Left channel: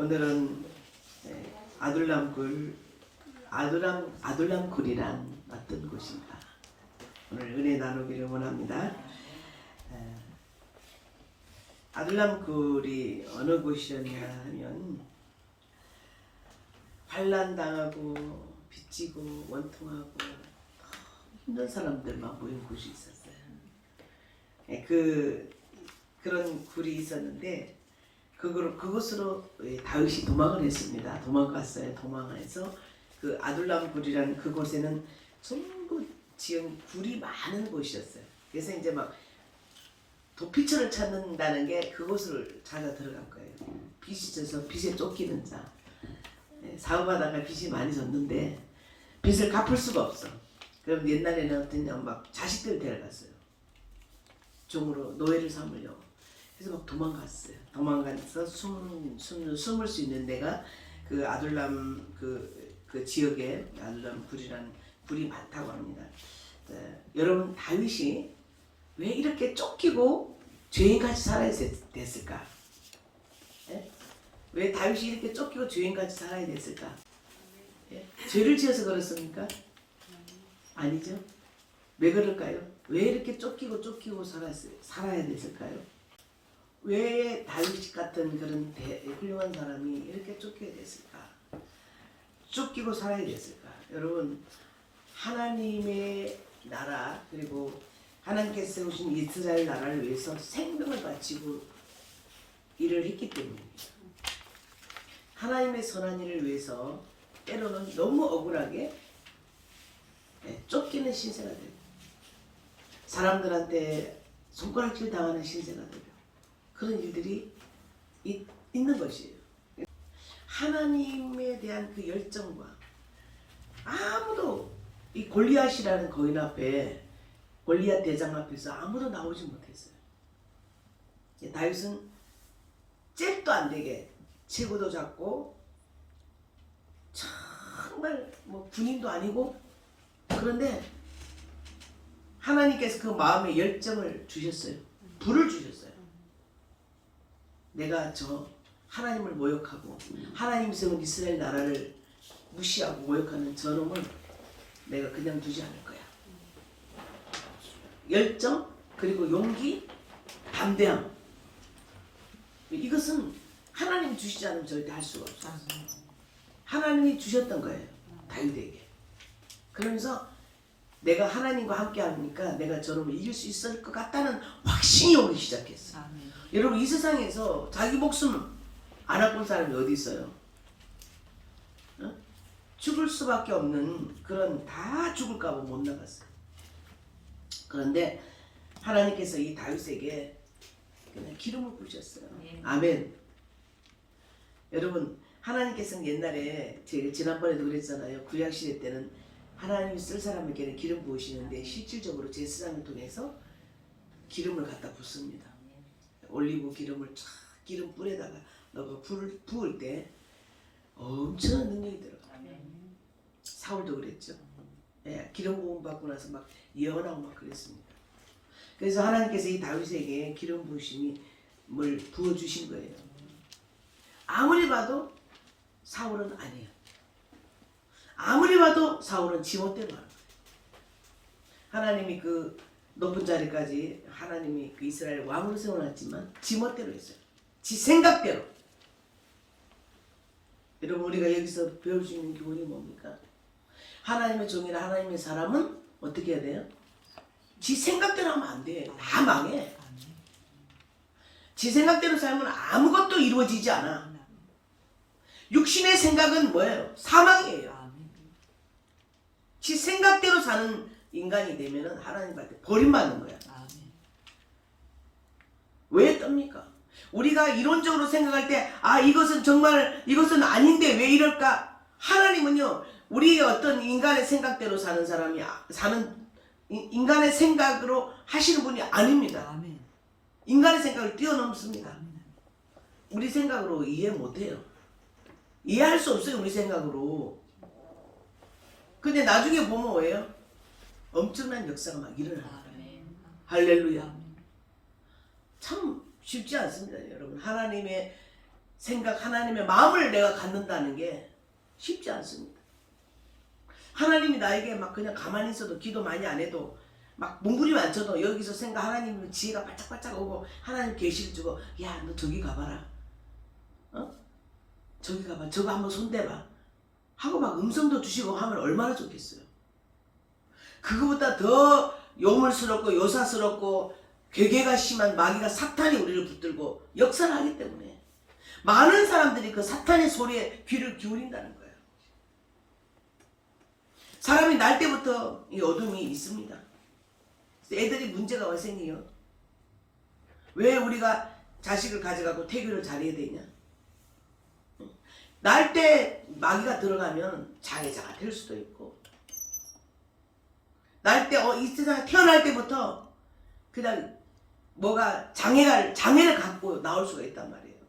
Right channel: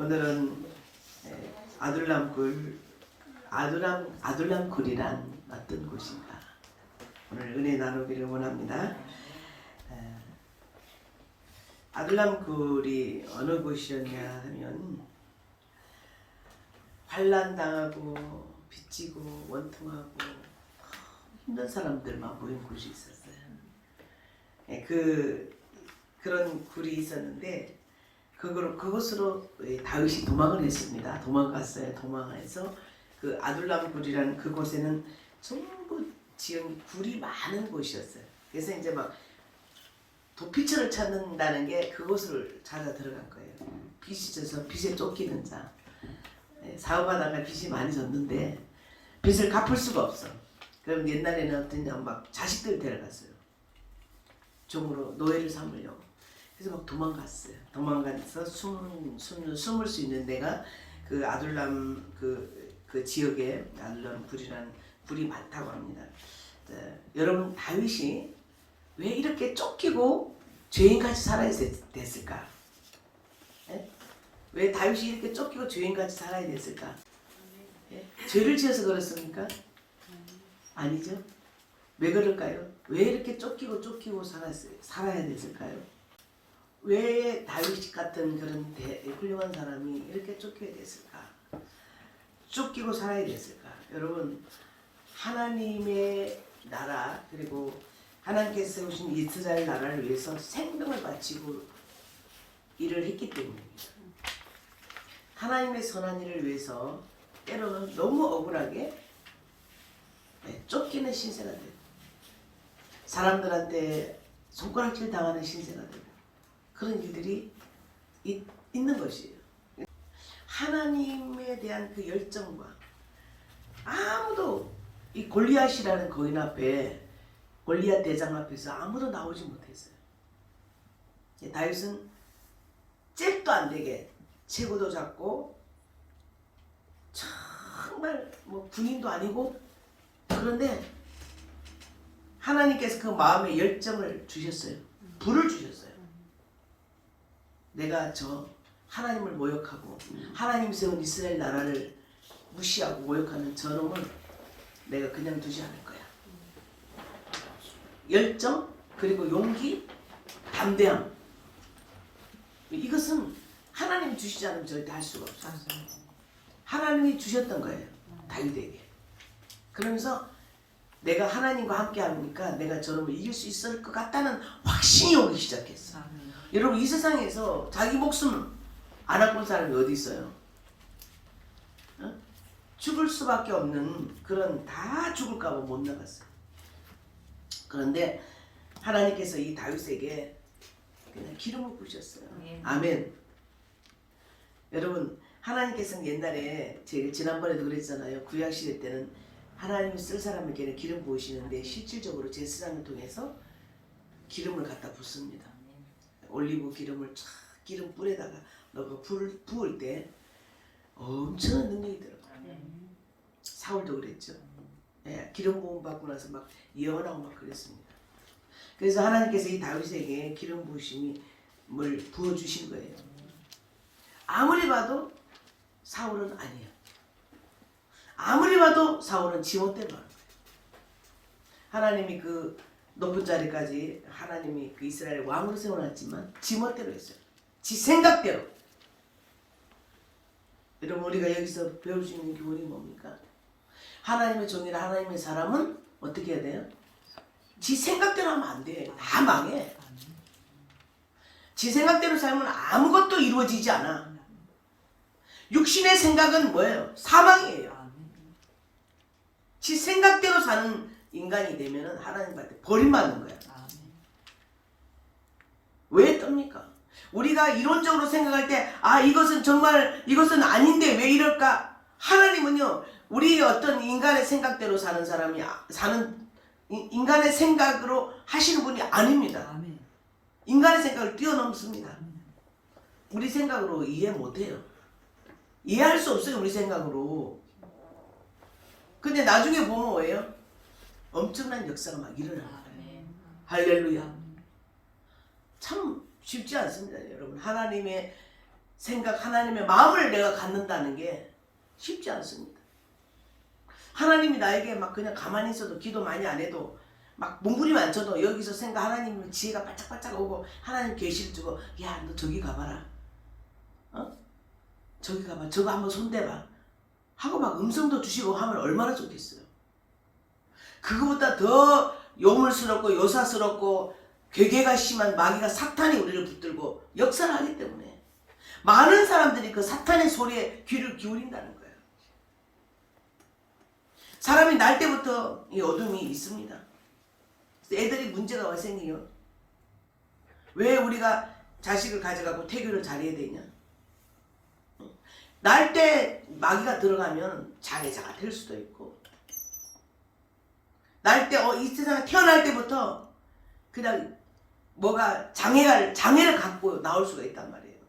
오늘은 아둘람굴이란 어떤 곳인가 오늘 은혜 나누기를 원합니다. 아둘람굴이 어느 곳이었냐 하면 환난당하고 빚지고 원통하고 힘든 사람들만 모인 곳이 있었어요. 그런 굴이 있었는데 그곳으로 다윗이 도망을 했습니다. 도망갔어요. 도망해서 그 아둘람굴이라는 그곳에는 전부 지은 굴이 많은 곳이었어요. 그래서 이제 막 도피처를 찾는다는 게 그곳을 찾아 들어간 거예요. 빚이 져서 빚에 쫓기는 자. 사업하다가 빚이 많이 졌는데 빚을 갚을 수가 없어. 그럼 옛날에는 어떠냐 막 자식들 데려갔어요. 종으로 노예를 삼으려고. 그래서 막 도망갔어요. 도망가서 숨을 수 있는 데가 그 아둘람 그 지역에 아둘람 굴이라는 굴이 많다고 합니다. 여러분 다윗이 왜 이렇게 쫓기고 죄인같이 살아야 됐을까? 왜 다윗이 이렇게 쫓기고 죄인같이 살아야 됐을까? 죄를 지어서 그렇습니까? 아니죠. 왜 그럴까요? 왜 이렇게 쫓기고 살아야 됐을까요? 왜 다윗 같은 그런 훌륭한 사람이 이렇게 쫓기게 됐을까? 쫓기고 살아야 됐을까? 여러분 하나님의 나라 그리고 하나님께서 세우신 이스라엘 나라를 위해서 생명을 바치고 일을 했기 때문입니다. 하나님의 선한 일을 위해서 때로는 너무 억울하게 쫓기는 신세가 되고 사람들한테 손가락질 당하는 신세가 되고 그런 일들이 있는 것이에요. 하나님에 대한 그 열정과 아무도 이 골리앗이라는 거인 앞에 골리앗 대장 앞에서 아무도 나오지 못했어요. 다윗은 잽도 안 되게 체구도 작고 정말 뭐 군인도 아니고 그런데 하나님께서 그 마음에 열정을 주셨어요. 불을 주셨어요. 내가 저 하나님을 모욕하고 하나님 세운 이스라엘 나라를 무시하고 모욕하는 저놈을 내가 그냥 두지 않을 거야. 열정 그리고 용기 담대함 이것은 하나님이 주시지 않으면 절대 할 수가 없어요. 하나님이 주셨던 거예요. 다윗에게. 그러면서 내가 하나님과 함께 하니까 내가 저놈을 이길 수 있을 것 같다는 확신이 오기 시작했어. 여러분 이 세상에서 자기 목숨 안 아픈 사람이 어디 있어요? 죽을 수밖에 없는 그런 다 죽을까 봐 못 나갔어요. 그런데 하나님께서 이 다윗에게 그냥 기름을 부으셨어요. 아멘. 여러분 하나님께서는 옛날에 제가 지난번에도 그랬잖아요. 구약시대 때는 하나님이 쓸 사람에게는 기름 부으시는데 실질적으로 제사장을 통해서 기름을 갖다 붓습니다. 올리브 기름을 쫙 기름 뿔에다가 넣고 불을 부을 때 엄청난 능력이 들어가요. 사울도 그랬죠. 기름 부음 받고 나서 막 예언하고 막 그랬습니다. 그래서 하나님께서 이 다윗에게 기름 부으심을 부어주신 거예요. 아무리 봐도 사울은 아니에요. 아무리 봐도 사울은 지멋대로 하는 거예요. 하나님이 그 높은 자리까지 하나님이 그 이스라엘 왕으로 세워놨지만 지멋대로 했어요. 지 생각대로. 여러분 우리가 여기서 배울 수 있는 교훈이 뭡니까? 하나님의 종이나 하나님의 사람은 어떻게 해야 돼요? 지 생각대로 하면 안 돼. 다 망해. 지 생각대로 살면 아무것도 이루어지지 않아. 육신의 생각은 뭐예요? 사망이에요. 지 생각대로 사는 인간이 되면 하나님한테 버림받는 거야. 왜 뜹니까? 우리가 이론적으로 생각할 때 이것은 아닌데 왜 이럴까? 하나님은요 우리 어떤 인간의 생각대로 사는 사람이 인간의 생각으로 하시는 분이 아닙니다. 인간의 생각을 뛰어넘습니다. 우리 생각으로 이해 못해요. 이해할 수 없어요. 우리 생각으로. 근데 나중에 보면 뭐예요? 엄청난 역사가 막 일어나는 거예요. 할렐루야. 참 쉽지 않습니다. 여러분 하나님의 생각, 하나님의 마음을 내가 갖는다는 게 쉽지 않습니다. 하나님이 나에게 막 그냥 가만히 있어도 기도 많이 안 해도 막 몸부림 안 쳐도 여기서 생각 하나님 지혜가 바짝바짝 오고 하나님 계시를 주고 야 너 저기 가봐라. 저기 가봐. 저거 한번 손대봐. 하고 막 음성도 주시고 하면 얼마나 좋겠어요. 그거보다 더 요물스럽고 요사스럽고 괴계가 심한 마귀가 사탄이 우리를 붙들고 역사를 하기 때문에 많은 사람들이 그 사탄의 소리에 귀를 기울인다는 거예요. 사람이 날 때부터 이 어둠이 있습니다. 애들이 문제가 왜 생겨요? 왜 우리가 자식을 가져가고 태교를 잘해야 되냐? 날 때 마귀가 들어가면 장애자가 될 수도 있고 날 때 이 세상에 태어날 때부터 그냥 뭐가 장애를 갖고 나올 수가 있단 말이에요.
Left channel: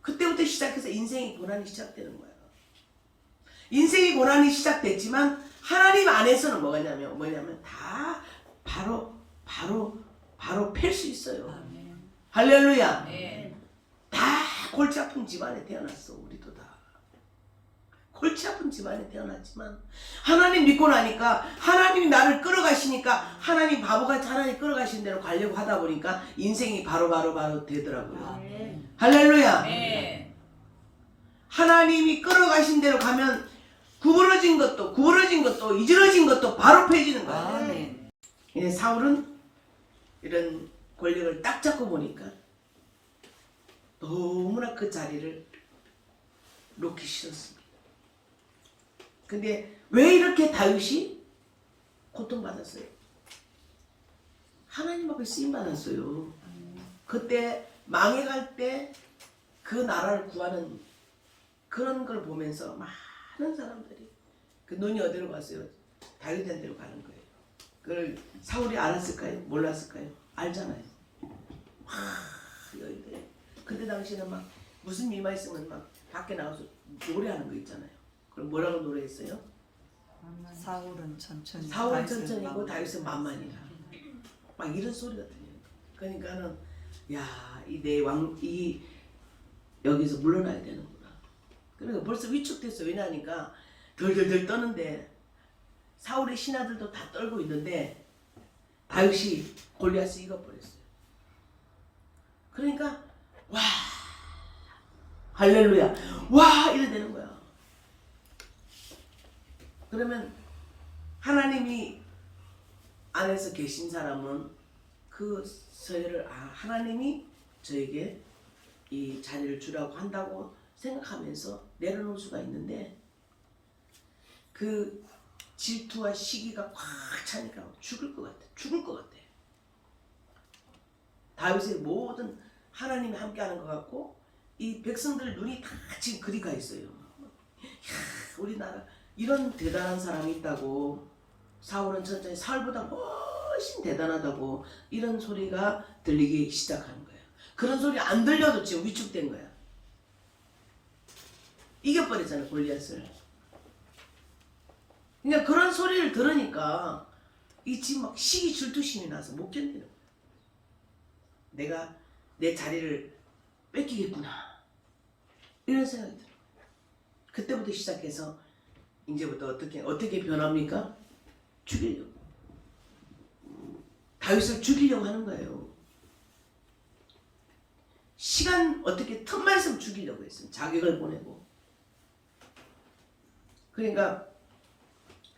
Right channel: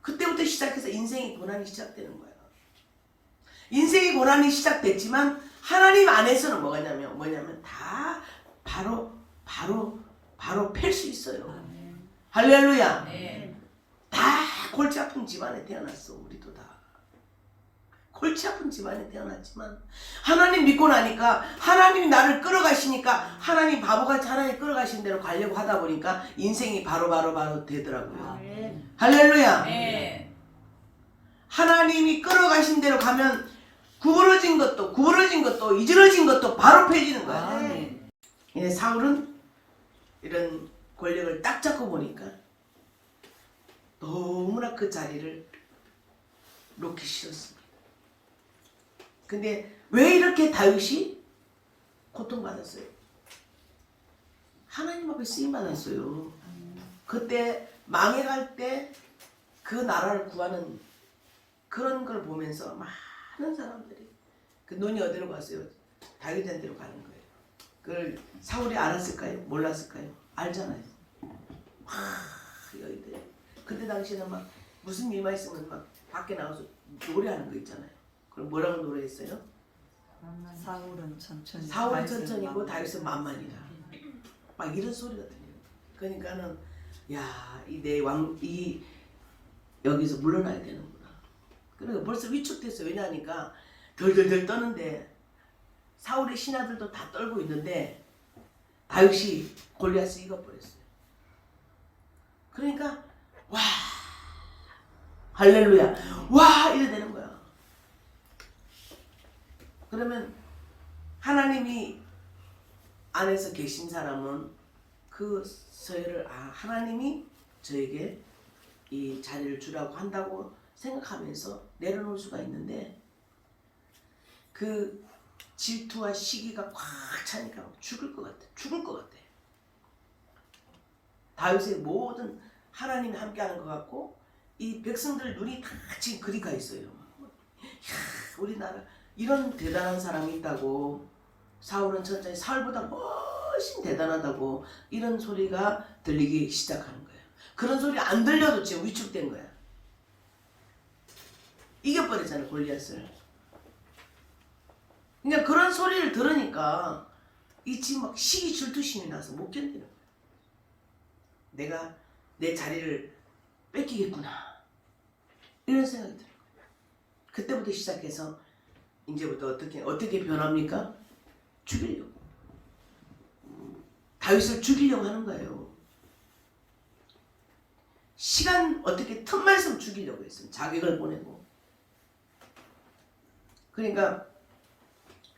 그때부터 시작해서 인생의 고난이 시작되는 거예요. 인생의 고난이 시작됐지만 하나님 안에서는 뭐냐면 다 바로 팰 수 있어요. 아멘. 할렐루야. 네. 다 골치 아픈 집안에 태어났어. 우리도 다 골치 아픈 집안에 태어났지만 하나님 믿고 나니까 하나님이 나를 끌어가시니까 하나님 바보같이 하나님 끌어가신 대로 가려고 하다 보니까 인생이 바로 되더라고요. 아멘. 할렐루야. 네. 하나님이 끌어가신 대로 가면 구부러진 것도 이지러진 것도 바로 펴지는 거야. 아멘. 사울은 이런 권력을 딱 잡고 보니까 너무나 그 자리를 놓기 싫었습니다. 근데 왜 이렇게 다윗이 고통받았어요? 하나님 앞에 쓰임받았어요. 그때 망해갈 때 그 나라를 구하는 그런 걸 보면서 많은 사람들이 그 눈이 어디로 갔어요? 다윗한테로 가는 거예요. 그걸 사울이 알았을까요? 몰랐을까요? 알잖아요. 여기들 그때 당시에는 막 무슨 일만 있으면 막 밖에 나가서 노래하는 거 있잖아요. 그럼 뭐라고 노래했어요? 사울은 천천히. 사울은 천천히고 다윗은 만만이라. 막 이런 소리가 들려요. 그러니까는 야, 이 여기서 물러나야 되는구나. 그러니까 벌써 위축됐어. 왜냐하니까 덜덜덜 떠는데 사울의 신하들도 다 떨고 있는데 다윗이 골리앗을 이겨버렸어요. 그러니까 와 할렐루야 와 이래 되는 거야. 그러면 하나님이 안에서 계신 사람은 그 서열을 하나님이 저에게 이 자리를 주라고 한다고 생각하면서 내려놓을 수가 있는데 그 질투와 시기가 꽉 차니까 죽을 것 같아. 다윗의 모든 하나님이 함께하는 것 같고 이 백성들 눈이 다 지금 그리 가 있어요. 이야, 우리나라 이런 대단한 사람이 있다고 사울은 천천히 사울보다 훨씬 대단하다고 이런 소리가 들리기 시작하는 거예요. 그런 소리 안 들려도 지금 위축된 거야. 이겨버렸잖아요 골리앗을. 그러니까 그런 소리를 들으니까 이 지금 막 시기 질투심이 나서 못 견디는 거야. 내가 내 자리를 뺏기겠구나 이런 생각이 들어요. 그때부터 시작해서 이제부터 어떻게 변합니까? 죽이려고. 다윗을 죽이려고 하는 거예요. 시간 어떻게 틈만 있으면 죽이려고 했어요. 자객을 보내고. 그러니까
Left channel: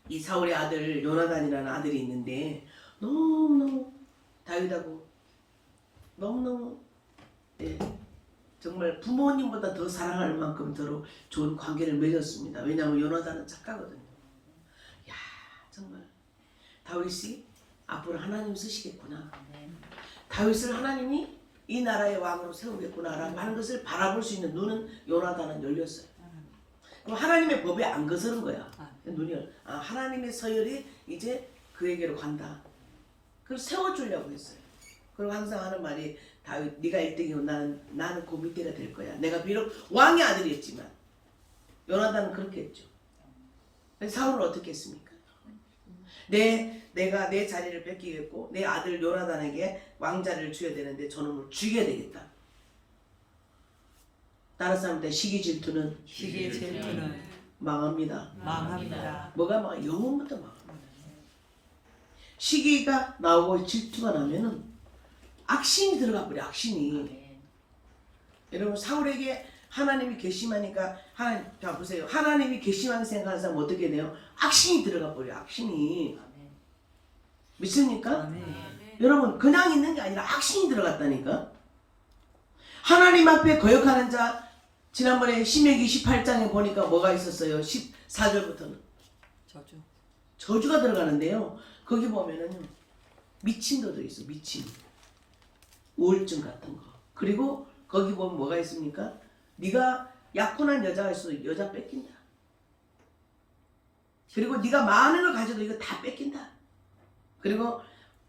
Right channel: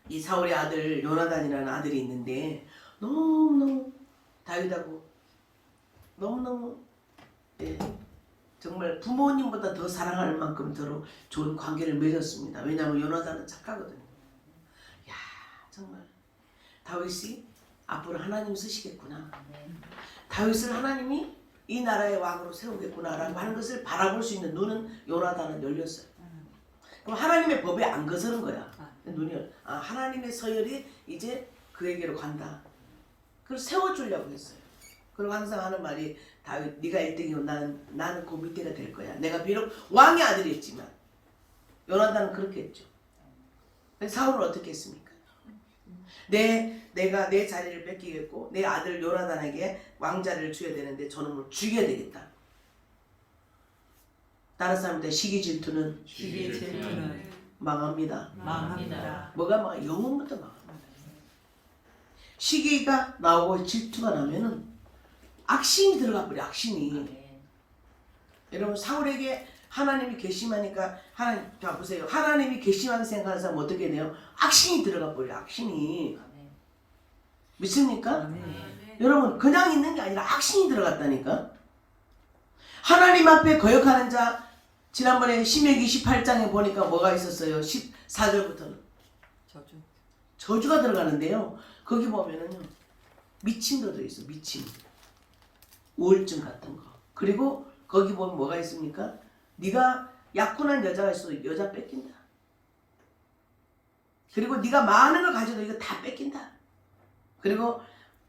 이 사울의 아들 요나단이라는 아들이 있는데 너무너무 다윗하고 너무너무 정말 부모님보다 더 사랑할 만큼 더 좋은 관계를 맺었습니다. 왜냐하면 요나단은 착하거든요. 야 정말 다윗이 앞으로 하나님 쓰시겠구나. 다윗을 하나님이 이 나라의 왕으로 세우겠구나라고 하는 것을 바라볼 수 있는 눈은 요나단은 열렸어요. 그럼 하나님의 법에 안 거스른 거야. 눈이 하나님의 서열이 이제 그에게로 간다. 그걸 세워주려고 했어요. 그리고 항상 하는 말이 다윗 네가 1등이고 나는 그 밑에가 될 거야. 내가 비록 왕의 아들이었지만 요나단은 그렇게 했죠. 사울은 어떻게 했습니까? 내가 내 자리를 뺏기겠고 내 아들 요나단에게 왕자리를 줘야 되는데 저놈을 죽여야 되겠다. 다른 사람한테 시기 질투는 시기의 질투는 망합니다. 망합니다. 뭐가 막 영혼부터 망합니다. 시기가 나오고 질투가 나면은 악심이 들어가 버려. 악심이. 여러분 사울에게 하나님이 괘씸하니까 하나님 자 보세요. 하나님이 괘씸하게 생각하는 사람 어떻게 돼요? 악심이 들어가 버려. 악심이. 믿습니까? 여러분 그냥 있는 게 아니라 악심이 들어갔다니까. 하나님 앞에 거역하는 자 지난번에 신명기 18장에 보니까 뭐가 있었어요? 14절부터는 저주. 저주가 들어가는데요. 거기 보면은요 미침도 들어있어. 미침 우울증 같은 거. 그리고 거기 보면 뭐가 있습니까? 네가 약혼한 여자가 있어도 여자 뺏긴다. 그리고 네가 많은 걸 가져도 이거 다 뺏긴다. 그리고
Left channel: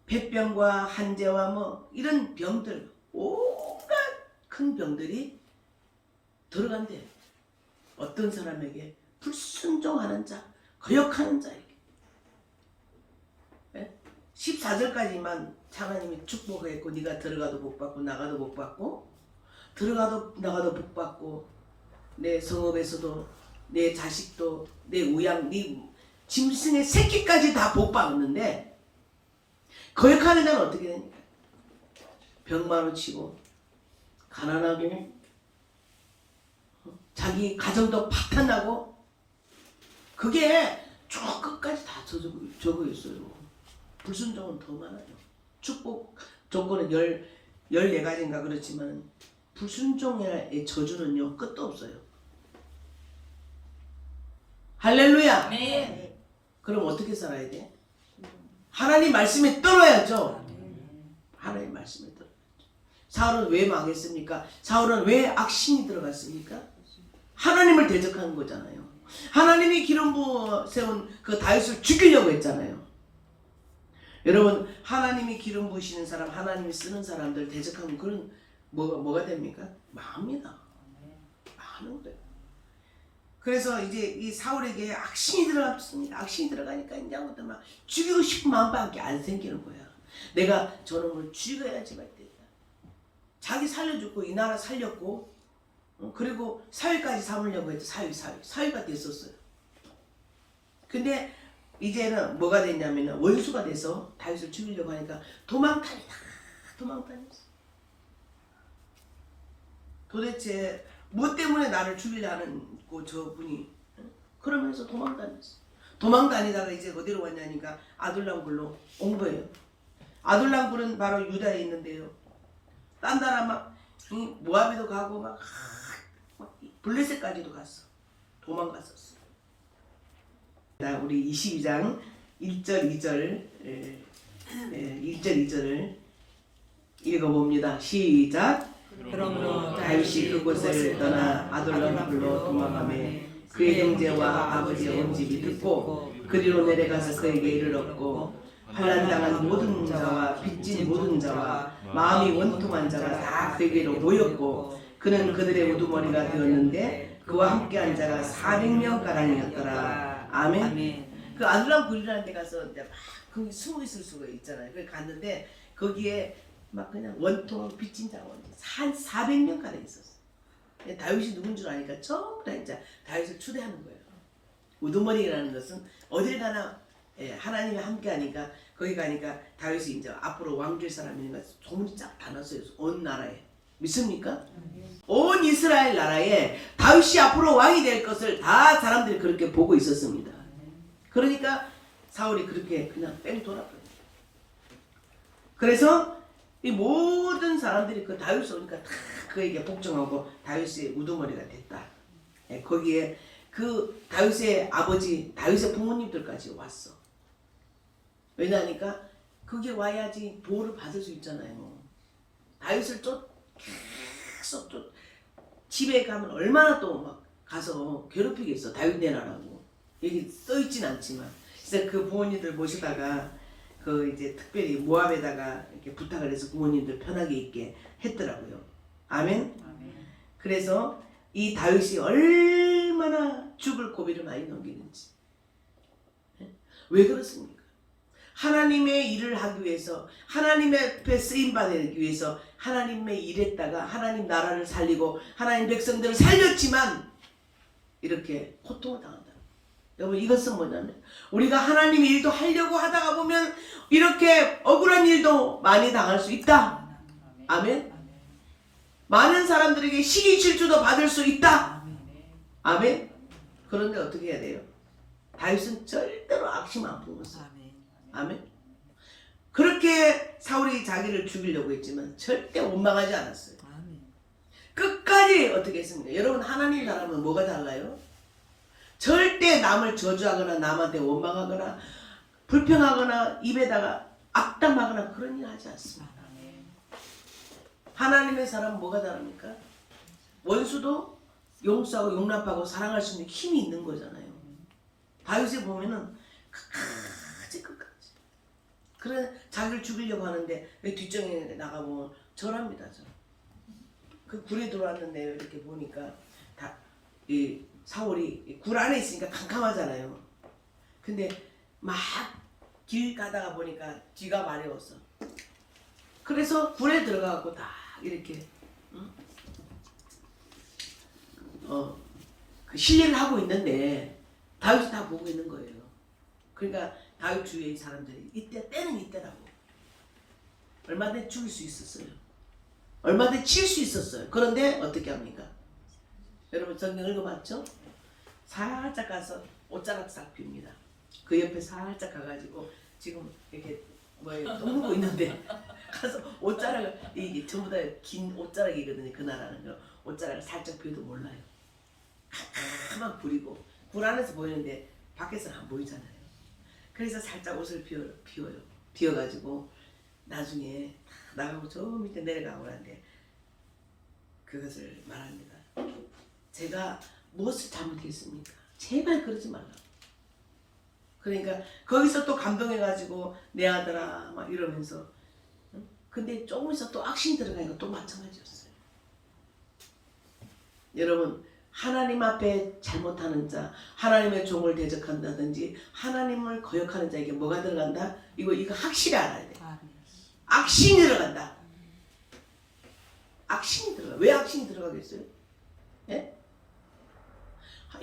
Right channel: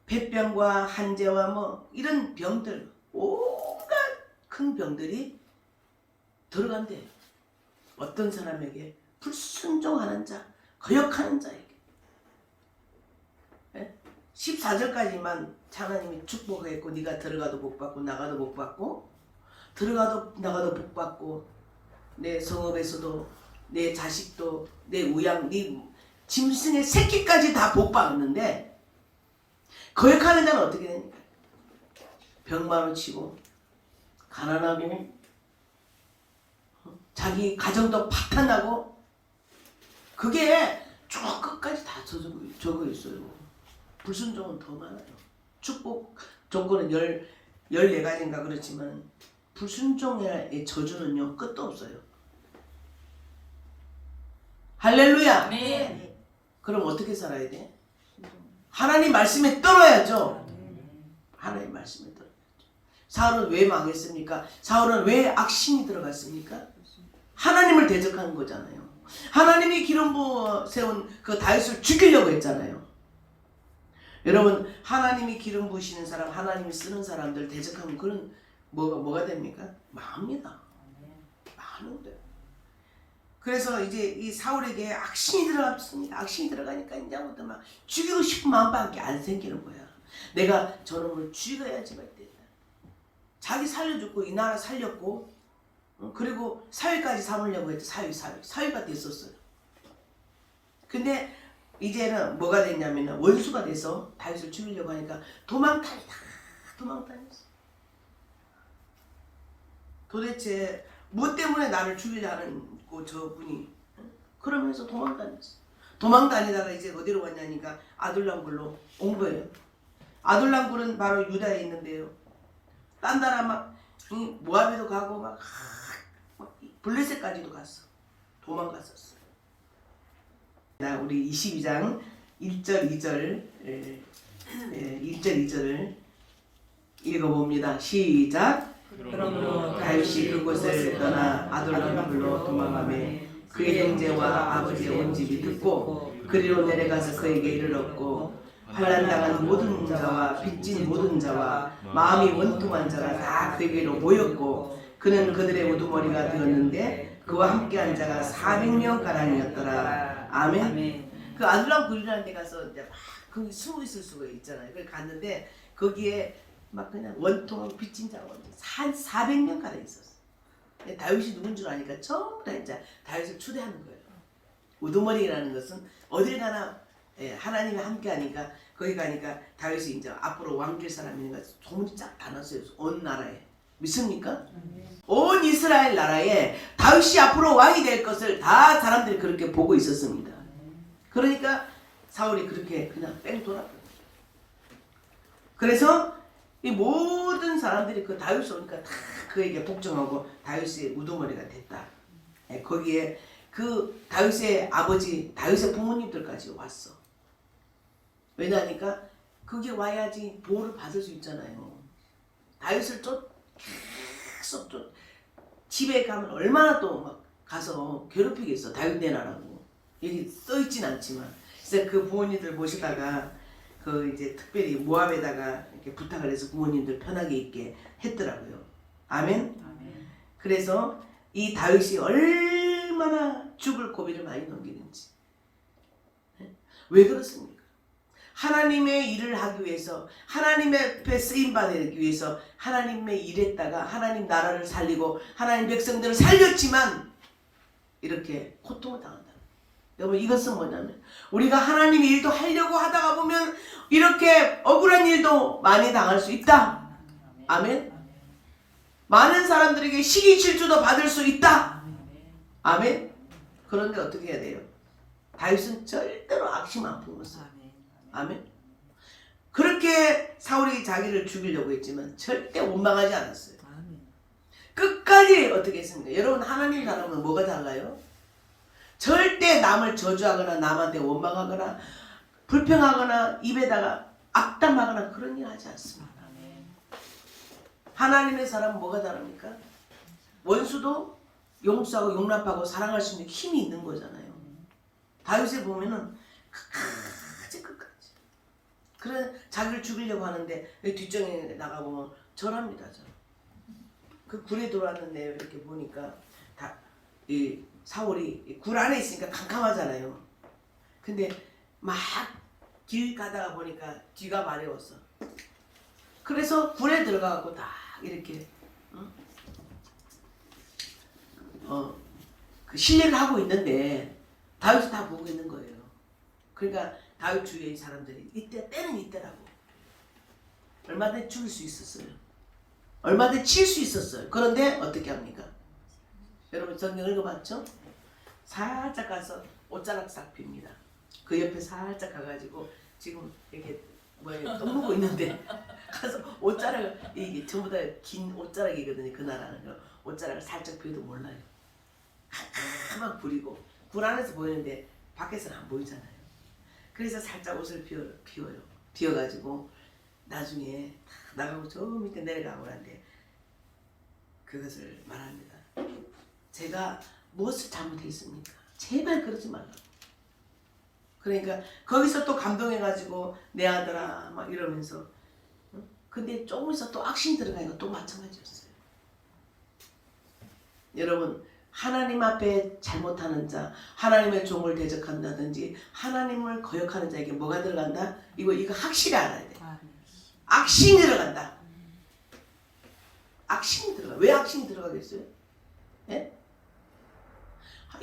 폐병과 한재와 뭐 이런 병들 온갖 큰 병들이 들어간대요. 어떤 사람에게 불순종하는 자, 거역하는 자에게. 14절까지만 하나님이 축복했고 네가 들어가도 복 받고 나가도 복 받고 들어가도 나가도 복 받고 내 성읍에서도 내 자식도 내 우양 네 짐승의 새끼까지 다 복 받았는데 거역하는 자는 어떻게 됩니까? 병마로 치고 가난하고 자기 가정도 파탄나고 그게 쭉 끝까지 다 적어 있어요. 불순종은 더 많아요. 축복 조건은 14가지인가 그렇지만 불순종의 저주는요 끝도 없어요. 할렐루야. 아멘. 그럼 어떻게 살아야 돼? 하나님 말씀에 떨어야죠. 하나님 말씀에 떨어야죠. 사울은 왜 망했습니까? 사울은 왜 악심이 들어갔습니까? 하나님을 대적한 거잖아요. 하나님이 기름 부어 세운 그 다윗을 죽이려고 했잖아요. 여러분 하나님이 기름 부으시는 사람, 하나님이 쓰는 사람들 대적하면 그런 뭐가 됩니까? 망합니다. 망하는 거예요. 그래서 이제 이 사울에게 악심이 들어갔습니다. 악심이 들어가니까 이제부터 막 죽이고 싶은 마음밖에 안 생기는 거야. 내가 저놈을 죽여야지 말겠다. 자기 살려줬고 이 나라 살렸고 그리고 사위까지 삼으려고 했죠. 사위가 됐었어요. 근데 이제는 뭐가 됐냐면 원수가 돼서 다윗을 죽이려고 하니까 도망다녔어. 도대체 뭐 때문에 나를 죽이려는 저분이 그러면서 도망다녔어. 도망다니다가 이제 어디로 왔냐니까 아둘람굴로 온 거예요. 아둘람굴은 바로 유다에 있는데요. 딴 나라 막 모압에도 가고 막 블레셋까지도 갔어. 도망갔었어. 우리 22장 1절 2절 1절 2절을 읽어봅니다. 시작. 그러므로 다윗이 그곳을 떠나 아둘람굴로 도망하매 그의 형제와 아버지의 온 집이 듣고 그리로 내려가서 그에게 이르렀고 환난당한 모든 자와 빚진 모든 자와 마음이 원통한 자가 다 그에게로 모였고 그는 그들의 우두머리가 되었는데 그와 함께한 자가 400명가량이었더라. 아멘. 그 아둘람굴이라는 데 가서 이제 막 거기 숨어 있을 수가 있잖아요. 그래 갔는데 거기에 막 그냥 원통하고 빚진 자가 한 400명 가량 있었어. 다윗이 누군 줄 아니까 전부 다 이제 다윗을 추대하는 거예요. 우두머리라는 것은 어딜 가나 하나님이 함께하니까 거기 가니까 다윗이 이제 앞으로 왕될 사람이니까 소문이 쫙 다 났어요. 온 나라에. 믿습니까? 온 이스라엘 나라에 다윗이 앞으로 왕이 될 것을 다 사람들이 그렇게 보고 있었습니다. 그러니까 사울이 그렇게 그냥 뺑 돌았거든요. 그래서 이 모든 사람들이 그 다윗을 오니까 다 그에게 복종하고 다윗의 우두머리가 됐다. 거기에 그 다윗의 아버지, 다윗의 부모님들까지 왔어. 왜냐하니까 그게 와야지 보호를 받을 수 있잖아요. 다윗을 계속 집에 가면 얼마나 또 막 가서 괴롭히겠어. 다윗 내놔라고. 여기 써있진 않지만. 그래서 그 부모님들 모시다가 그 이제 특별히 모압에다가 이렇게 부탁을 해서 부모님들 편하게 있게 했더라고요. 아멘. 그래서 이 다윗이 얼마나 죽을 고비를 많이 넘기는지. 왜 그렇습니까? 하나님의 일을 하기 위해서 하나님의 앞에 쓰임받기 위해서 하나님의 일했다가 하나님 나라를 살리고 하나님 백성들을 살렸지만 이렇게 고통을 당한다. 여러분 이것은 뭐냐면 우리가 하나님의 일도 하려고 하다가 보면 이렇게 억울한 일도 많이 당할 수 있다. 아멘. 많은 사람들에게 시기 질투도 받을 수 있다. 아멘. 그런데 어떻게 해야 돼요? 다윗은 절대로 악심 안 품었어요. 아멘. 그렇게 사울이 자기를 죽이려고 했지만 절대 원망하지 않았어요. 끝까지 어떻게 했습니까? 여러분 하나님 사람은 뭐가 달라요? 절대 남을 저주하거나 남한테 원망하거나 불평하거나 입에다가 악담하거나 그런 일 하지 않습니다. 하나님의 사람은 뭐가 다릅니까? 원수도 용서하고 용납하고 사랑할 수 있는 힘이 있는 거잖아요. 다윗에 보면은 끝까지 그래 자기를 죽이려고 하는데 뒷정에 나가보면 절합니다. 그 굴에 들어왔는데 이렇게 보니까 이 사울이 굴 안에 있으니까 캄캄하잖아요. 근데 막 길 가다가 보니까 뒤가 마려웠어. 그래서 굴에 들어가고 딱 이렇게 그 실례를 하고 있는데 다윗이 다 보고 있는 거예요. 그러니까 다윗 주위의 사람들이 때는 이때라고. 얼마든지 죽일 수 있었어요. 얼마든지 칠 수 있었어요. 그런데 어떻게 합니까? 여러분 성경 읽어봤죠? 살짝 가서 옷자락 싹 핍니다. 그 옆에 살짝 가가지고 지금 이렇게 떠먹고 있는데 가서 옷자락을 이게 전부 다 긴 옷자락이거든요. 그 나라는 옷자락을 살짝 펴도 몰라요. 캄캄한 불이고 불 안에서 보이는데 밖에서는 안 보이잖아요. 그래서 살짝 옷을 피워요. 피워가지고 나중에 나가고 저 밑에 내려가고 하는데 그것을 말합니다. 제가 무엇을 잘못했습니까? 제발 그러지 말라. 그러니까 거기서 또 감동해가지고 내 아들아 막 이러면서 근데 조금 있어 또 악신 들어가니까 또 마찬가지였어요. 여러분 하나님 앞에 잘못하는 자, 하나님의 종을 대적한다든지 하나님을 거역하는 자에게 뭐가 들어간다? 이거 확실히 알아야 돼. 악신이 들어간다. 악신이 들어가. 왜 악신이 들어가겠어요? 예?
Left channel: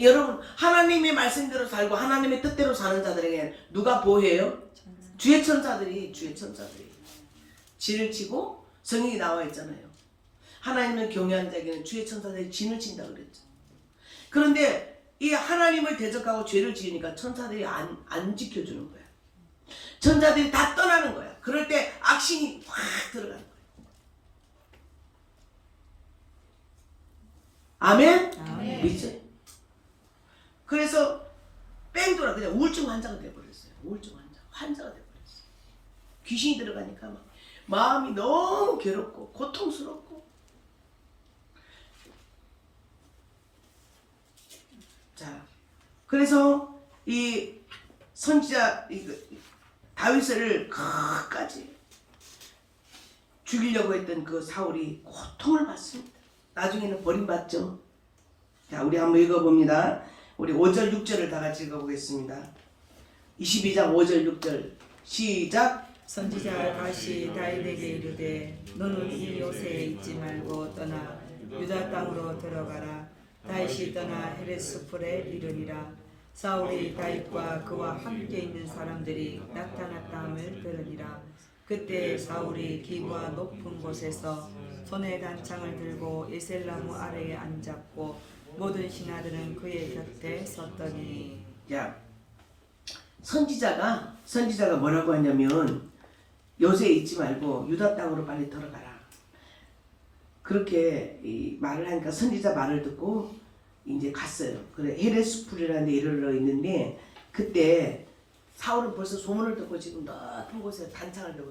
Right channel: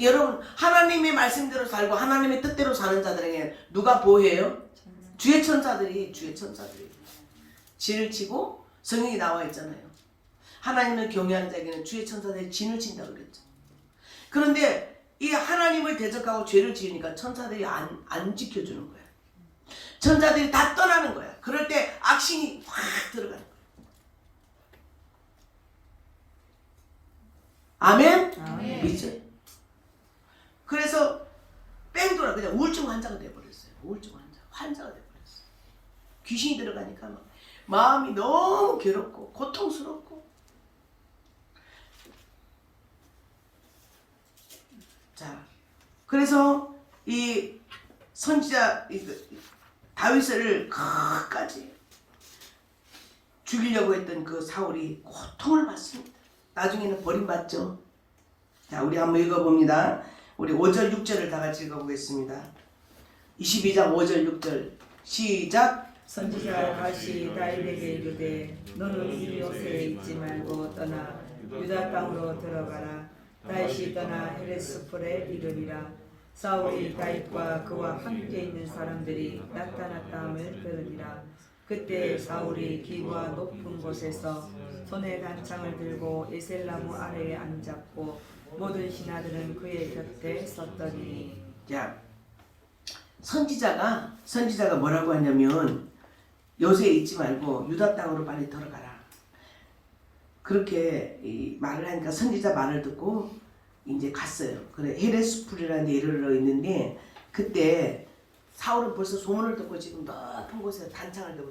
여러분 하나님의 말씀대로 살고 하나님의 뜻대로 사는 자들에게 누가 보호해요? 주의 천사들이 진을 치고 성경이 나와 있잖아요. 하나님을 경외하는 자에게는 주의 천사들이 진을 친다고 그랬죠. 그런데 이 하나님을 대적하고 죄를 지으니까 천사들이 안 지켜주는 거야. 천사들이 다 떠나는 거야. 그럴 때 악신이 확 들어가는 거야. 아멘? 아멘. 믿죠? 그래서 뺑 돌아 그냥 우울증 환자가 돼버렸어요. 우울증 환자가 돼버렸어요. 귀신이 들어가니까 막 마음이 너무 괴롭고 고통스럽고. 자, 그래서 이 선지자 다윗을 끝까지 죽이려고 했던 그 사울이 고통을 받습니다. 나중에는 버림받죠. 자, 우리 한번 읽어봅니다. 우리 5절 6절을 다 같이 읽어보겠습니다. 22장 5절 6절 시작. 선지자가 다시 다윗에게 이르되 너는 이 요새에 있지 말고 떠나 유다 땅으로 들어가라. 다윗이 떠나 헤레스폴에 이르리라. 사울이 다윗과 그와 함께 있는 사람들이 나타났다 함을 들으리라. 그때 사울이 기구와 높은 곳에서 손에 단창을 들고 에셀나무 아래에 앉았고 모든 신하들은 그의 곁에 섰더니. 자, 선지자가 뭐라고 하냐면 요새에 있지 말고 유다 땅으로 빨리 들어가라. 그렇게 말을 하니까 선지자 말을 듣고 이제 갔어요. 그래 헤레스풀이라는 데 이르러 있는데 그때 사울은 벌써 소문을 듣고 지금 높은 곳에 단창을 들고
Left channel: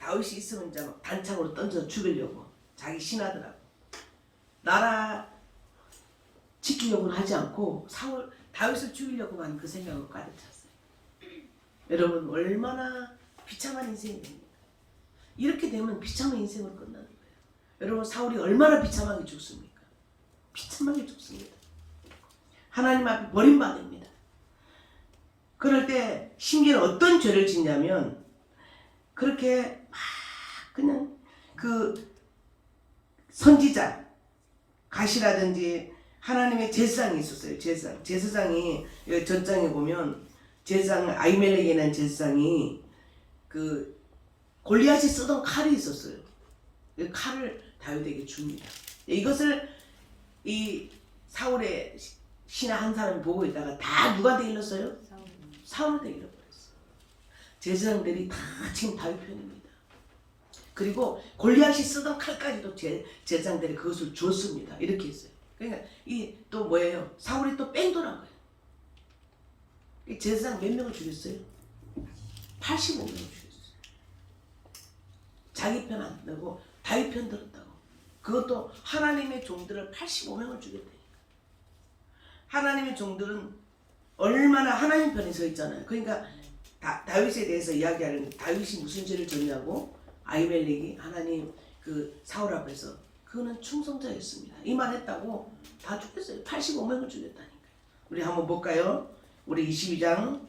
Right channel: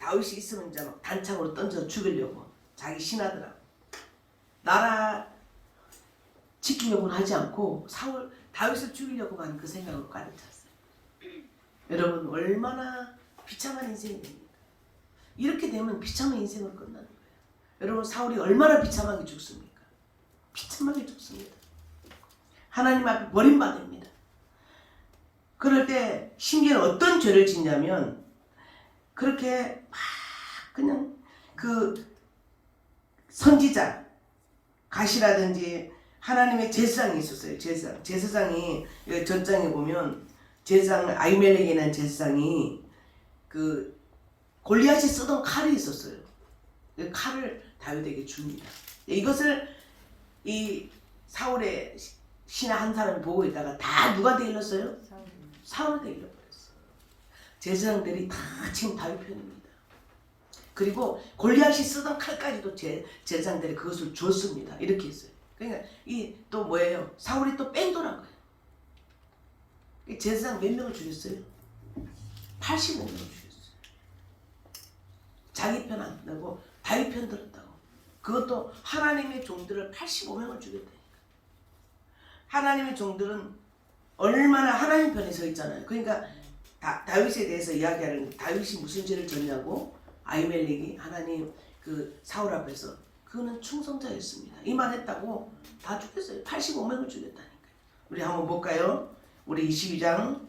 다윗이 있으면 이제 막 단창으로 던져 죽이려고 자기 신하들하고 나라 지키려고는 하지 않고 다윗을 죽이려고만 그 생각으로 가득 찼어요. 여러분 얼마나 비참한 인생이 됩니까? 이렇게 되면 비참한 인생으로 끝나는 거예요. 여러분 사울이 얼마나 비참하게 죽습니까? 비참하게 죽습니다. 하나님 앞에 버림받습니다. 그럴 때 심지어 어떤 죄를 짓냐면 그렇게 막 그냥 그 선지자 가시라든지 하나님의 제사장이 있었어요. 제사장이 여기 전장에 보면 제사장 아히멜렉이라는 제사장이 그 골리앗이 쓰던 칼이 있었어요. 그 칼을 다윗에게 줍니다. 이것을 이 사울의 신하 한 사람이 보고 있다가 다 누구한테 일렀어요? 사울한테 일러버렸어요. 제사장들이 다 지금 다윗 편입니다. 그리고 골리앗이 쓰던 칼까지도 제사장들이 그것을 줬습니다. 이렇게 했어요. 그러니까 이 또 뭐예요? 사울이 또 뺑돌한 거예요. 이 제사장 몇 명을 죽였어요? 85명을 죽였어요. 자기 편 안 들고 다윗 편 들었다고. 그것도 하나님의 종들을 85명을 죽였다니까. 하나님의 종들은 얼마나 하나님 편에 서 있잖아요. 그러니까 다윗에 대해서 이야기하는 다윗이 무슨 죄를 졌냐고 아히멜렉이 하나님 그 사울 앞에서 그는 충성자였습니다. 이 말 했다고 다 죽였어요. 85명을 죽였다니까요. 우리 한번 볼까요? 우리 22장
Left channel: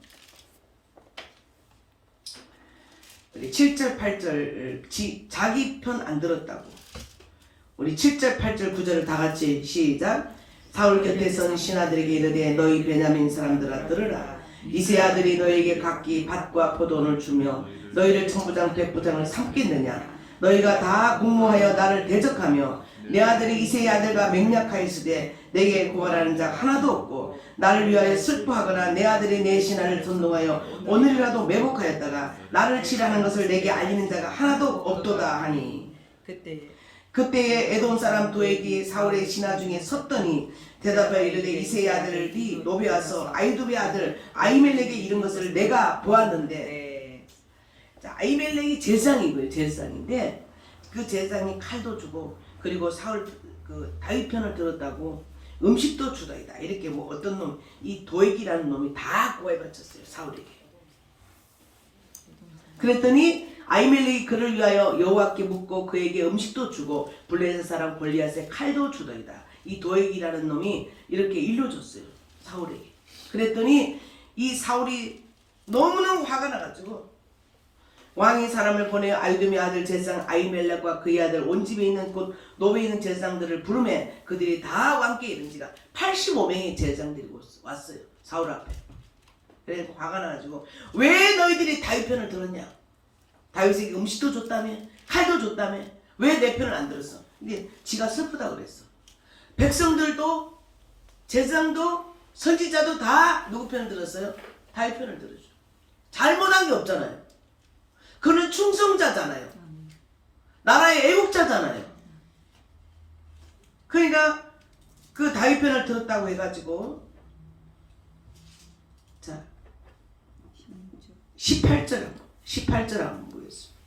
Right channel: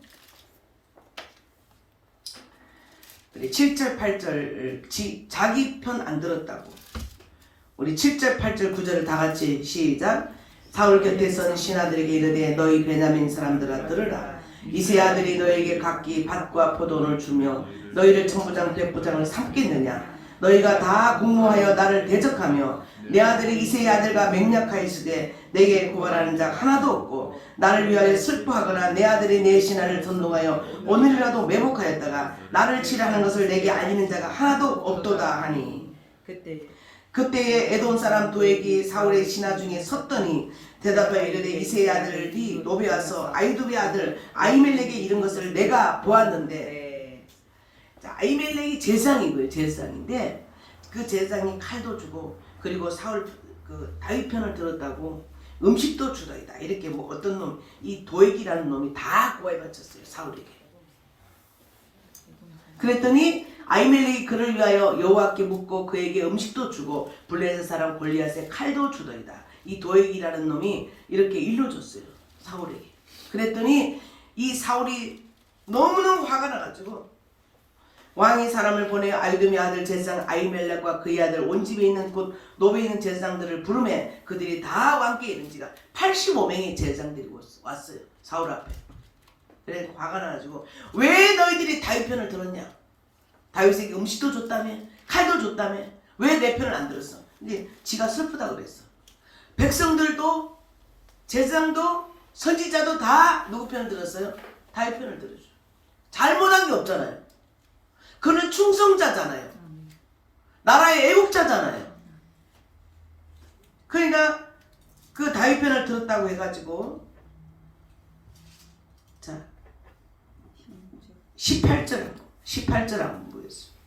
우리 7절 8절 자기 편 안 들었다고. 우리 7절 8절 9절을 다 같이 시작. 사울 곁에 선 신하들에게 이르되 너희 베냐민 사람들아 들으라. 이세 아들이 너에게 각기 밭과 포도를 주며 너희를 천부장 백부장을 삼겠느냐. 너희가 다 공모하여 나를 대적하며 내 아들이 이세의 아들과 맹약하였으되 내게 고발하는 자가 하나도 없고 나를 위하여 슬퍼하거나 내 아들이 내 신하를 선동하여 오늘이라도 매복하였다가 나를 치라는 것을 내게 알리는 자가 하나도 없도다 하니 그때에 에돔 사람 도액이 사울의 신하 중에 섰더니 대답하여 이르되 이세의 아들이 노베 와서 아히두베 아들 아히멜렉에 이른 것을 내가 보았는데. 자, 아히멜렉이 제사장이고요. 제사장인데 그 제사장이 칼도 주고 그리고 사울 그 다윗 편을 들었다고 음식도 주다이다. 이렇게 뭐 어떤 놈 이 도액이라는 놈이 다 고해 바쳤어요. 사울에게. 그랬더니 아히멜렉이 그를 위하여 여호와께 묻고 그에게 음식도 주고 블레셋 사람 골리앗의 칼도 주더이다. 이 도액이라는 놈이 이렇게 일러줬어요. 사울에게. 그랬더니 이 사울이 너무너무 화가 나가지고 왕이 사람을 보내어 아히두메 아들 제사장 아히멜렉과 그의 아들 온 집에 있는 곧 노베에 있는 제사장들을 부르매 그들이 다 왕께 이른지라 85명의 제사장들이 왔어요. 사울 앞에. 그래서 화가 나가지고 왜 너희들이 다윗 편을 들었냐? 다윗에게 음식도 줬다며 칼도 줬다며 왜 내 편을 안 들었어? 근데 지가 슬프다고 그랬어. 백성들도 제사장도 선지자도 다 누구 편을 들었어요? 다윗 편을 들었죠. 잘못한 게 없잖아요. 그는 충성자잖아요. 나라의 애국자잖아요. 그러니까 그 다윗 편을 들었다고 해가지고 자 18절 한번 보겠습니다.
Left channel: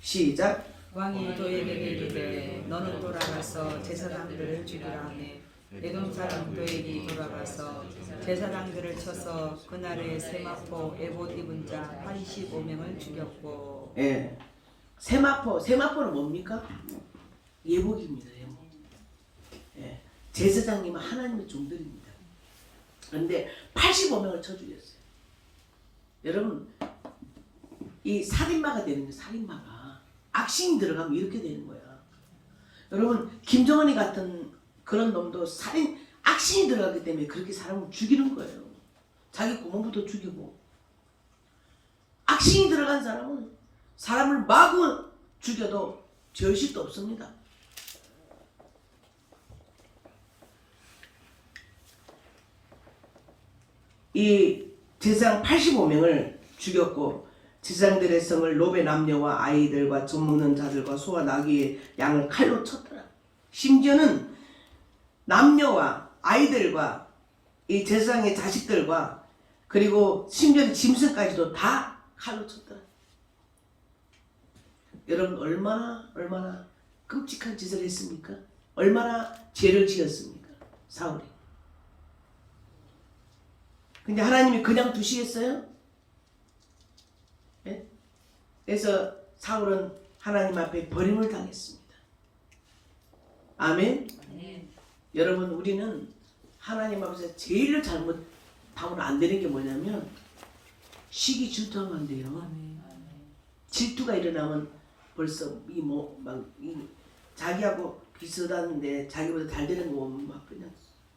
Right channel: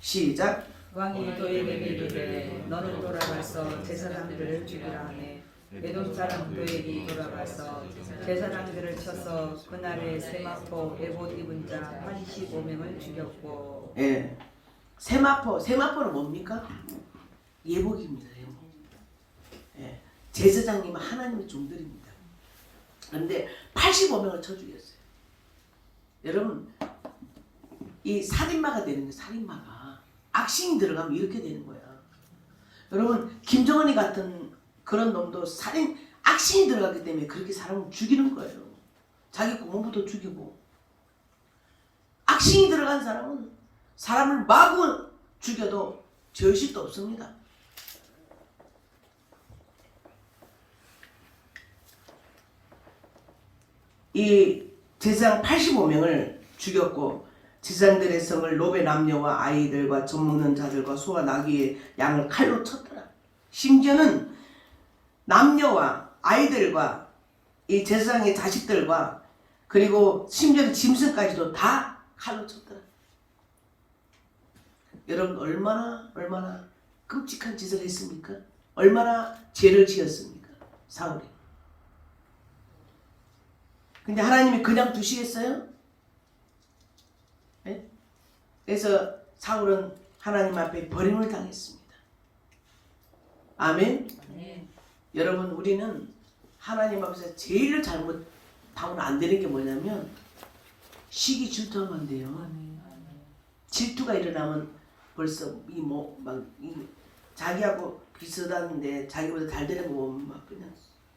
시작. 왕이 도에게 이르되 너는 돌아가서 제사장들을 죽이라 하네. 에돔 사람 도에게 돌아가서 제사장들을 쳐서 그날에 세마포 에봇 입은 자 85명을 죽였고. 예. 세마포는 뭡니까? 예복입니다. 예복. 예. 제사장님은 하나님의 종들입니다. 그런데 85명을 쳐 죽였어요. 여러분 이 살인마가 되는 거예요. 살인마가 악신이 들어가면 이렇게 되는 거야. 여러분 김정은이 같은 그런 놈도 악신이 들어갔기 때문에 그렇게 사람을 죽이는 거예요. 자기 고모부도 죽이고. 악신이 들어간 사람은 사람을 마구 죽여도 죄의식도 없습니다. 이 제사장 85명을 죽였고 제사장들의 성을 노베 남녀와 아이들과 젖 먹는 자들과 소와 나귀의 양을 칼로 쳤더라. 심지어는 남녀와 아이들과 이 제사장의 자식들과 그리고 심지어는 짐승까지도 다 칼로 쳤더라. 여러분 얼마나 끔찍한 짓을 했습니까? 얼마나 죄를 지었습니까? 사울이. 근데 하나님이 그냥 두시겠어요? 네? 그래서 사울은 하나님 앞에 버림을 당했습니다. 아멘? 네. 여러분 우리는 하나님 앞에서 제일 하면 안 되는 게 뭐냐면 시기 질투하면 안 돼요. 아멘. 질투가 일어나면 벌써 이 자기하고 비슷한데 자기보다 잘 되는 거 보면 막 그냥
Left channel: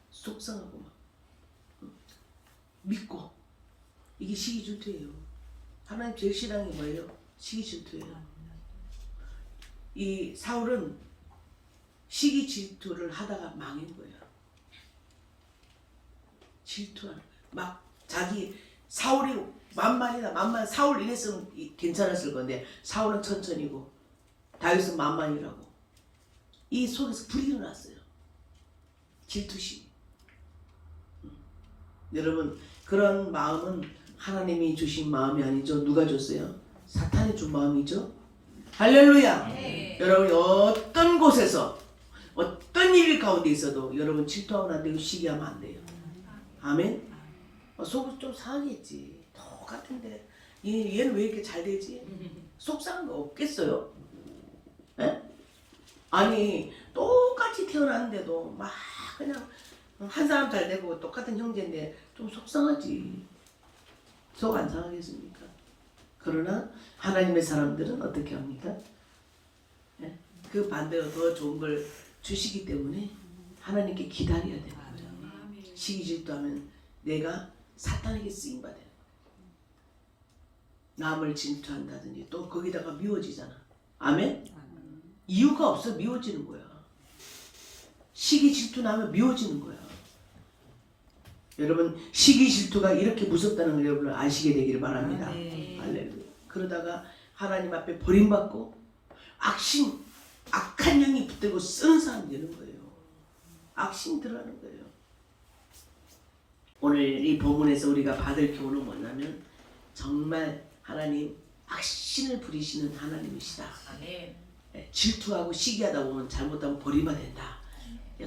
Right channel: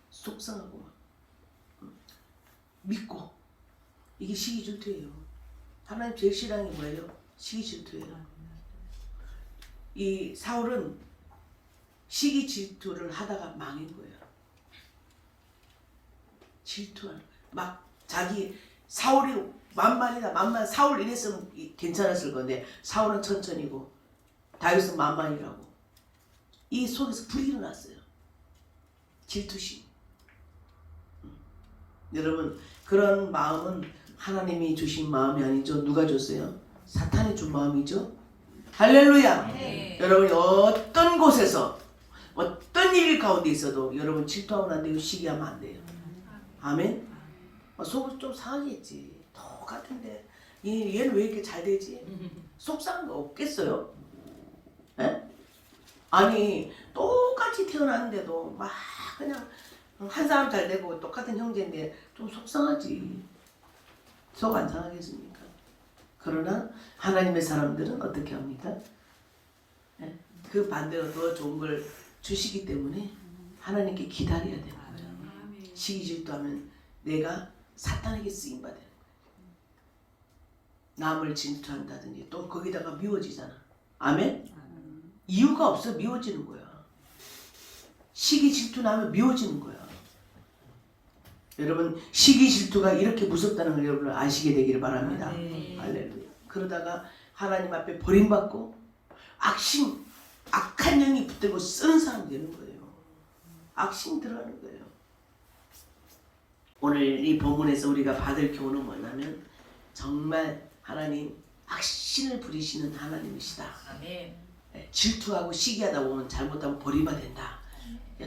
속상하고 막 믿고 이게 시기 질투예요. 하나님 제일 싫어하는 게 뭐예요? 시기 질투예요. 이 사울은 시기 질투를 하다가 망한 거예요. 질투하는 거예요. 막 자기 사울이 만만 사울 이랬으면 괜찮았을 건데 사울은 천천히고 다윗은 만만이라고 이 속에서 불이 일어났어요. 질투심. 여러분 그런 마음은 하나님이 주신 마음이 아니죠. 누가 줬어요? 사탄이 준 마음이죠. 할렐루야. 네. 여러분이 어떤 곳에서 어떤 일 가운데 있어도 여러분 질투하면 안 되고 시기하면 안 돼요. 아멘. 속은 좀 상하겠지. 똑같은데 얘는 왜 이렇게 잘 되지? 속상한 거 없겠어요? 예? 아니 똑같이 태어났는데도 막 그냥 한 사람 잘 되고 똑같은 형제인데 좀 속상하지. 속 안 상하겠습니까? 그러나 하나님의 사람들은 어떻게 합니까? 예? 그 반대로 더 좋은 걸 주시기 때문에 하나님께 기다려야 되는 거예요. 시기 질투하면 내가 사탄에게 쓰임 받아야 돼요. 남을 질투한다든지 또 거기다가 미워지잖아. 아멘? 이유가 없어 미워지는 거야. 시기 질투 나면 미워지는 거야. 여러분 시기 질투가 이렇게 무섭다는 걸 여러분 아시게 되기를 바랍니다. 할렐루야. 그러다가 하나님 앞에 버림받고 악한 영이 붙들고 쓰는 사람 되는 거예요. 악심 들어가는 거예요. 오늘 이 본문에서 우리가 받을 교훈은 뭐냐면 정말 하나님 악신을 부리시는 하나님이시다. 아멘. 질투하고 시기하다 보면 잘못하면 버림받아야 된다.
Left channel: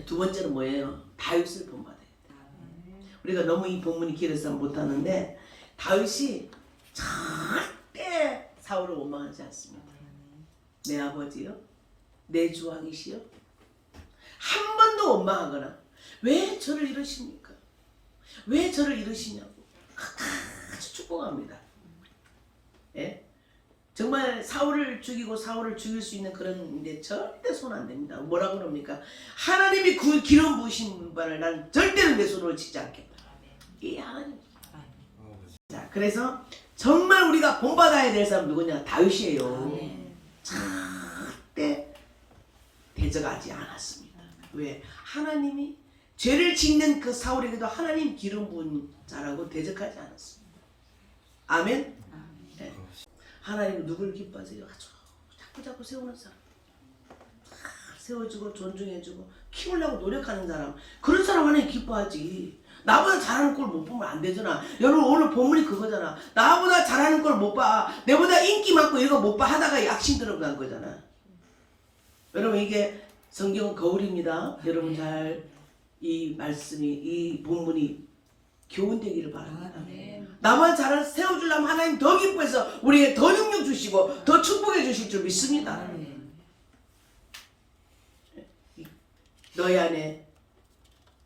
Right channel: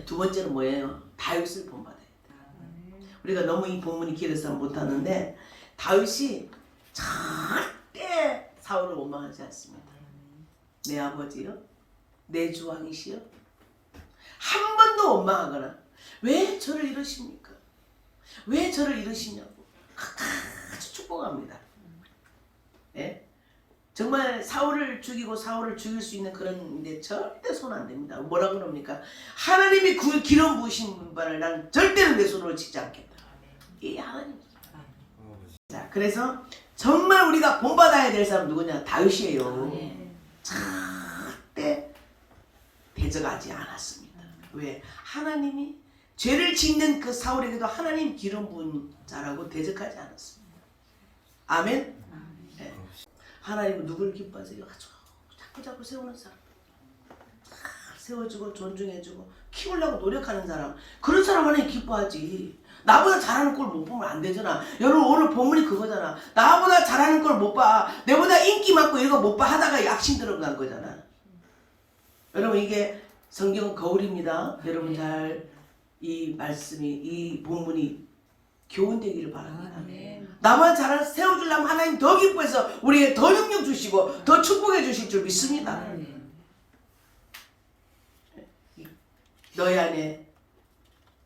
두 번째는 뭐예요? 다윗을 본받아야 된다. 우리가 너무 이 본문이 길어서 못하는데 다윗이 절대 사울을 원망하지 않습니다. 내 아버지요? 내 주왕이시여? 한 번도 원망하거나 왜 저를 이러십니까? 왜 저를 이러시냐고 아주 축복합니다. 예? 정말 사울을 죽이고 사울을 죽일 수 있는 그런 데 절대 손 안 댑니다. 뭐라 그럽니까? 하나님이 그 기름 부으신 바를 나는 절대로 내 손으로 치지 않겠다. 이 하나님. 자, 그래서 정말 우리가 본받아야 될 사람 누구냐? 다윗이에요. 절대 대적하지 않았습니다. 왜? 하나님이 죄를 짓는 그 사울에게도 하나님 기름 부은 자라고 대적하지 않았습니다. 아멘? 네. 하나님은 누굴 기뻐하세요? 아주 자꾸 세우는 사람. 세워주고 존중해주고 키우려고 노력하는 사람. 그런 사람 하나님 기뻐하지. 나보다 잘하는 꼴 못 보면 안 되잖아. 여러분 오늘 본문이 그거잖아. 나보다 잘하는 꼴 못 봐. 내보다 인기 많고 이거 못 봐 하다가 약심 들어간 거잖아. 여러분 이게 성경은 거울입니다. 여러분 잘 이 말씀이 이 본문이 교훈되기를 바랍니다. 나만 잘 세워주려면 하나님 더 기뻐해서 우리에게 더 능력 주시고 더 축복해 주실 줄 믿습니다. 너희 안에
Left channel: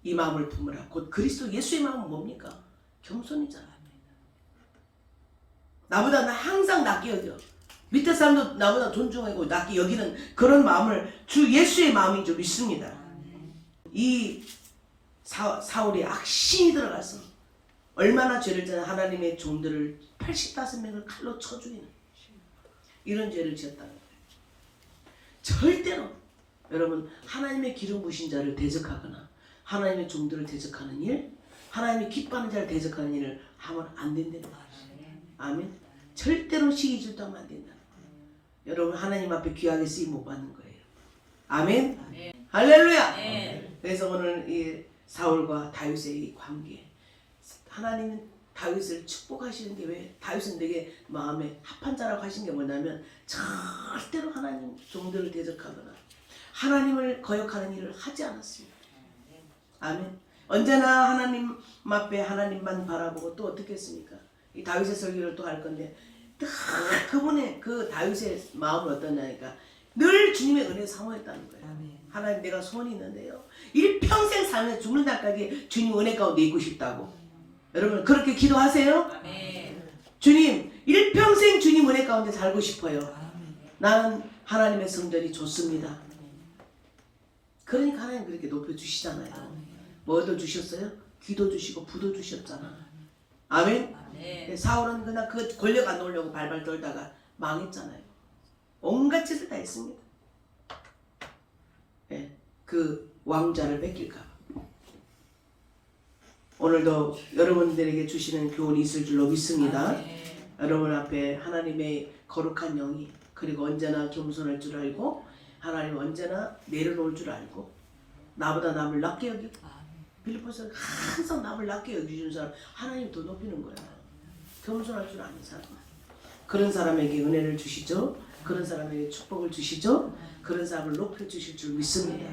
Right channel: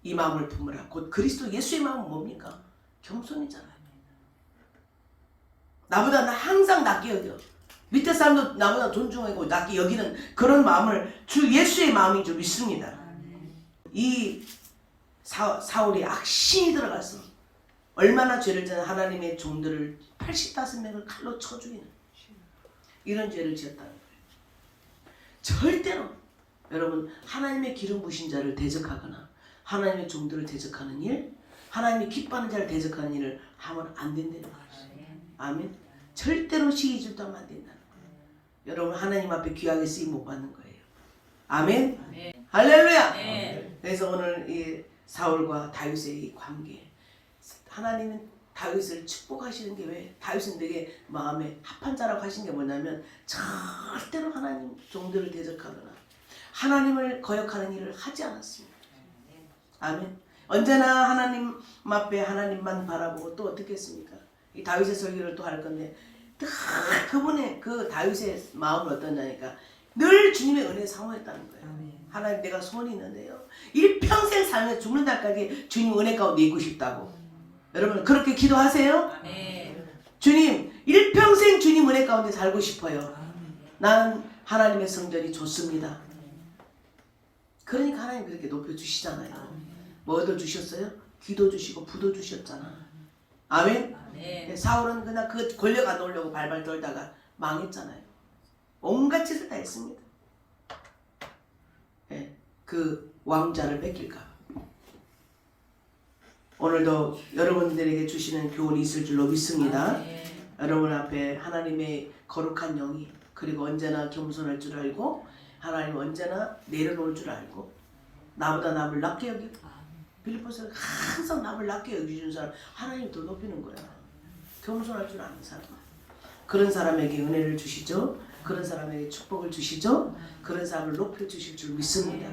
이 마음을 품으라. 곧 그리스도 예수의 마음은 뭡니까? 겸손이잖아요. 나보다 나 항상 낮게 여겨. 밑에 사람도 나보다 존중하고 낮게 여기는 그런 마음을 주 예수의 마음인 줄 믿습니다. 이 사울이 악신이 들어가서 얼마나 죄를 지은 하나님의 종들을 85명을 칼로 쳐 죽이는 이런 죄를 지었다는 거예요. 절대로 여러분 하나님의 기름 부으신 자를 대적하거나 하나님의 종들을 대적하는 일, 하나님이 기뻐하는 자를 대적하는 일을 하면 안 된다는 거예요. 아멘. 절대로 시기 질투하면 안 된다는 거예요. 여러분 하나님 앞에 귀하게 쓰임 못 받는 거예요. 아멘. 할렐루야. 그래서 오늘 이 사울과 다윗의 이 관계, 하나님은 다윗을 축복하시는 게 왜? 다윗은 되게 마음에 합한 자라고 하신 게 뭐냐면 절대로 하나님 종들을 대적하거나 하나님을 거역하는 일을 하지 않았습니다. 아멘. 언제나 하나님 앞에 하나님만 바라보고 또 어떻게 했습니까? 이 다윗의 설교를 또 할 건데 그분의 그 다윗의 마음은 어떠냐니까 늘 주님의 은혜에 사모했다는 거예요. 하나님 내가 소원이 있는데요. 일평생 살면서 죽는 날까지 주님 은혜 가운데 있고 싶다고. 여러분 그렇게 기도하세요? 아멘. 주님 일평생 주님 은혜 가운데 살고 싶어요. 아멘. 난 하나님의 성전이 좋습니다. 그러니까 하나님 그렇게 높여주시잖아요. 뭐 얻어주셨어요? 귀도 주시고 부도 주셨잖아. 아멘? 아멘. 사울은 그냥 그 권력 안 놓으려고 발발 떨다가 망했잖아요. 온갖 짓을 다 했습니다. 예, 그 왕자를 뺏길까. 오늘도 여러분들에게 주시는 교훈이 있을 줄로 믿습니다. 아멘. 여러분 앞에 하나님의 거룩한 영이 그리고 언제나 겸손할 줄 알고 하나님 언제나 내려놓을 줄 알고 나보다 남을 낮게 여기고 빌립보서는 항상 남을 낮게 여기주는 사람 하나님 더 높이는 거야. 겸손할 줄 아는 사람. 그런 사람에게 은혜를 주시죠. 그런 사람에게 축복을 주시죠. 그런 사람을 높여주실 줄 믿습니다.